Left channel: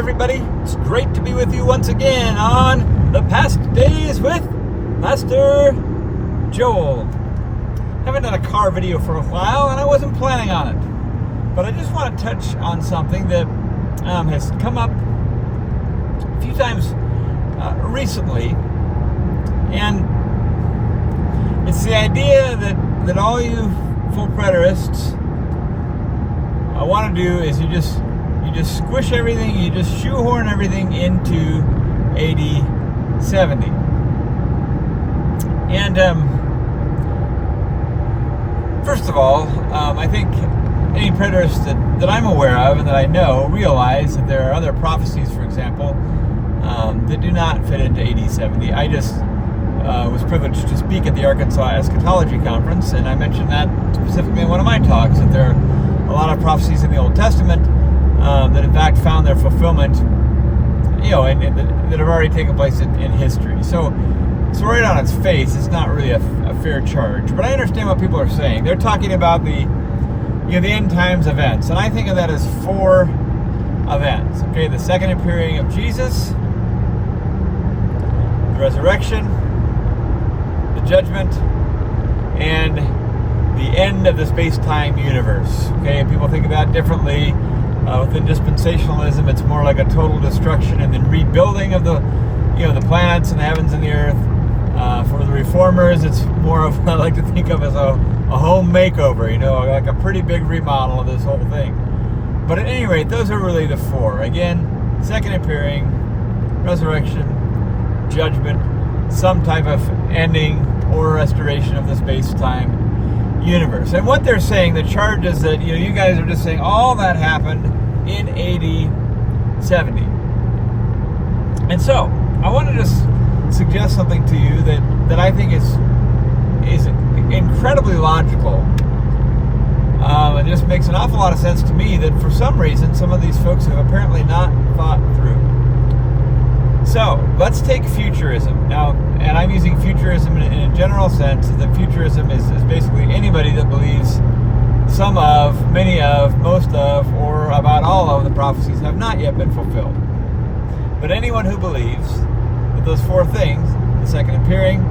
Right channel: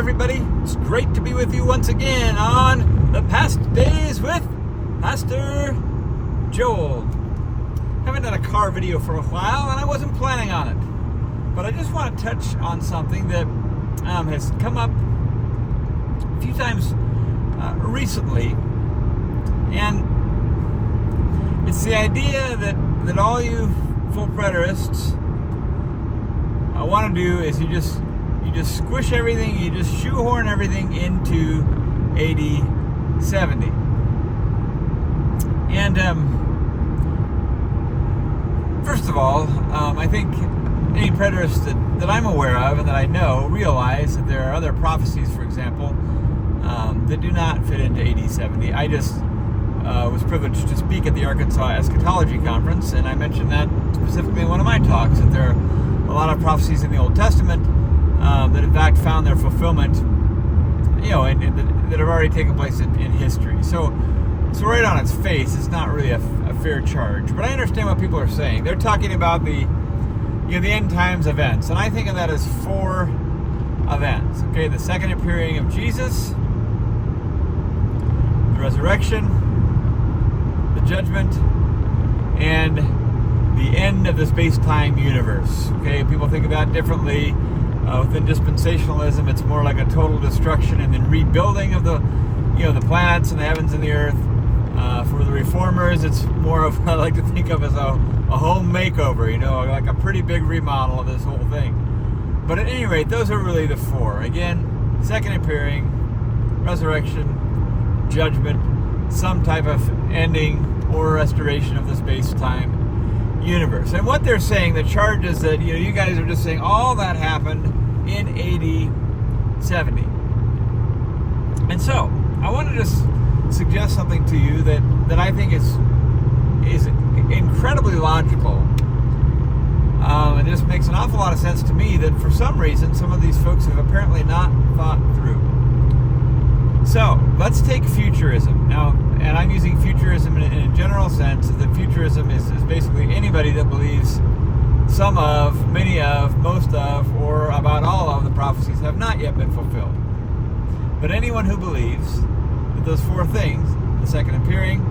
everybody. It's great to be with you once again on The Past Days with Pastor Joel. Haven't done a car video for a while, and I wasn't planning on it. But I just want to touch on something that has come up a few times recently. And it's the idea that all you full preterists want to do is you just squish everything, you just shoehorn everything into AD 70. And first of all, I think any preterists that I'm aware of and that I know realize that there are other prophecies, for example, that do not fit into AD 70. I just was privileged to speak at the Arkansas Eschatology Conference, and I mentioned that specifically in one of my talks, that there are a lot of prophecies in the Old Testament that in fact found their fulfillment, that have already taken place in history. So right on its face, it's not really a fair charge. But I understand what people are saying. They're talking about the end times events, and I think of that as 4 events. Okay, the second appearing of Jesus, the resurrection, the judgment, and the end of the space-time universe. Okay, people think of that differently. Within dispensationalism, it's more like a total destruction and then rebuilding of the planets and the heavens and the earth. For the reformers, it's more of I like to think of as a home makeover. Like a pretty big remodel of this whole thing. But at any rate, those are really the 4. Again, second appearing, resurrection, judgment, some type of ending or restoration of the space-time universe. And what they're saying, the charge is that you guys are just saying all that happened in AD 70. And so I want to just suggest something to you that I think is incredibly logical. It just makes an awful lot of sense to me that for some reason some of these folks have apparently not thought through. So let's take futurism now, and I'm using futurism in a general sense. That futurism is basically anybody that believes some of, many of, most of, or about all of the prophecies have not yet been fulfilled. But anyone who believes that those 4 things, the second appearing,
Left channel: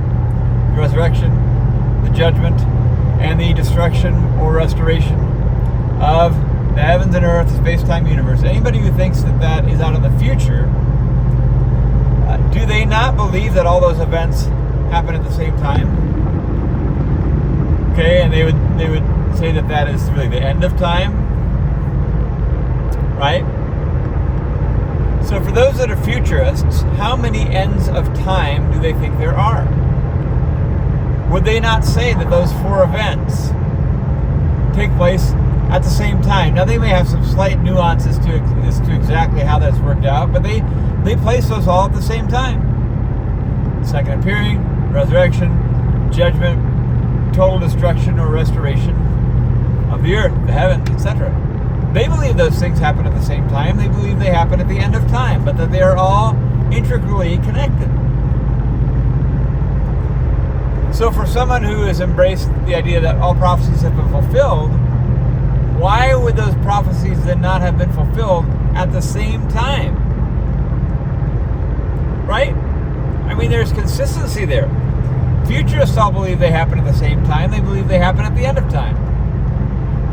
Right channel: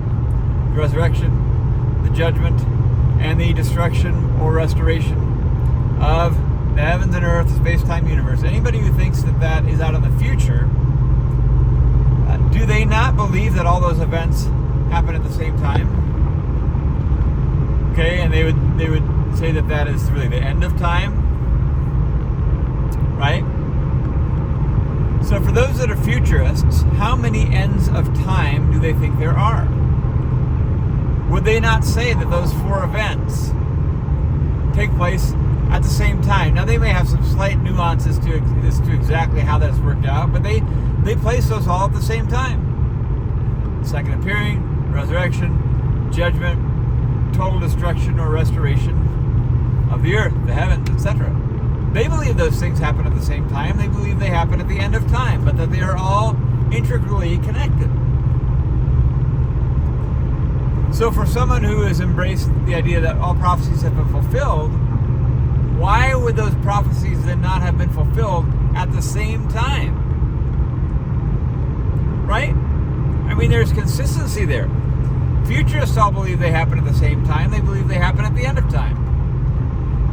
the resurrection, the judgment, and the destruction or restoration of the heavens and earth, the space-time universe, anybody who thinks that is out of the future, do they not believe that all those events happen at the same time? Okay, and they would say that is really the end of time, right? So for those that are futurists, how many ends of time do they think there are? Would they not say that those 4 events take place at the same time? Now, they may have some slight nuances as to exactly how that's worked out, but they place those all at the same time. Second appearing, resurrection, judgment, total destruction or restoration of the earth, the heavens, etc. They believe those things happen at the same time. They believe they happen at the end of time, but that they are all intricately connected. So for someone who has embraced the idea that all prophecies have been fulfilled, why would those prophecies then not have been fulfilled at the same time? Right? I mean, there's consistency there. Futurists all believe they happen at the same time. They believe they happen at the end of time.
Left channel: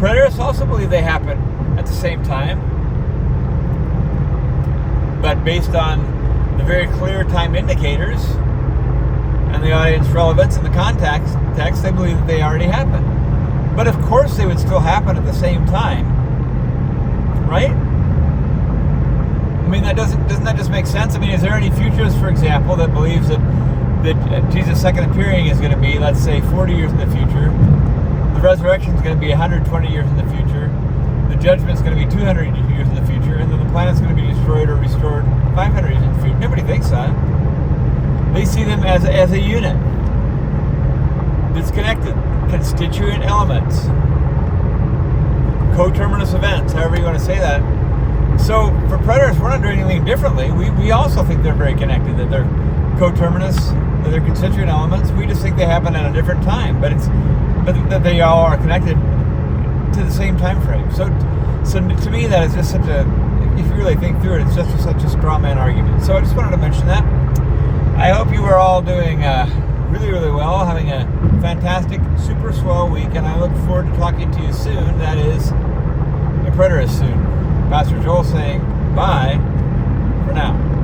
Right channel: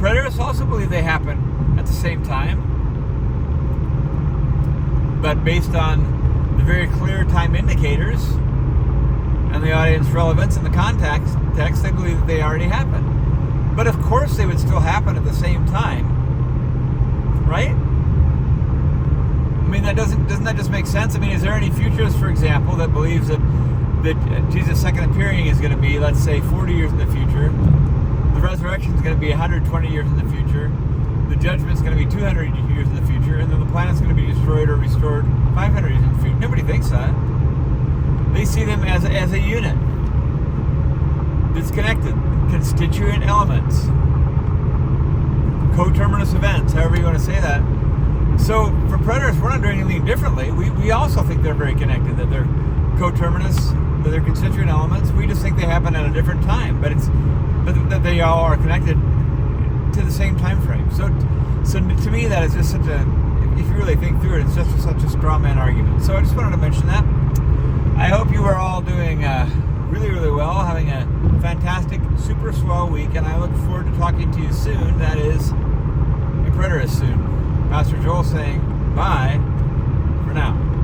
Preterists also believe they happen at the same time. But based on the very clear time indicators and the audience relevance and the context, they believe that they already happened. But of course they would still happen at the same time. Right? I mean, doesn't that just make sense? I mean, is there any futurist, for example, that believes that Jesus' second appearing is going to be, let's say, 40 years in the future, the resurrection is going to be 120 years in the future, the judgment is going to be 200 years in the future, and then the planet's going to be destroyed or restored 500 years in the future? Nobody thinks that. They see them as a unit. It's connected. Constituent elements. Coterminous events, however you want to say that. So for preterists, we're not doing anything differently. We also think they're very connected, that they're coterminous, that they're constituent elements. We just think they happen at a different time, but that they all are connected to the same time frame. So to me, that is just such a really think through it, it's just such a straw man argument. So I just wanted to mention that. I hope you are all doing really, really well, having a fantastic, super swell week, and I look forward to talking to you soon. That is, the Preterists soon. Pastor Joel saying bye for now.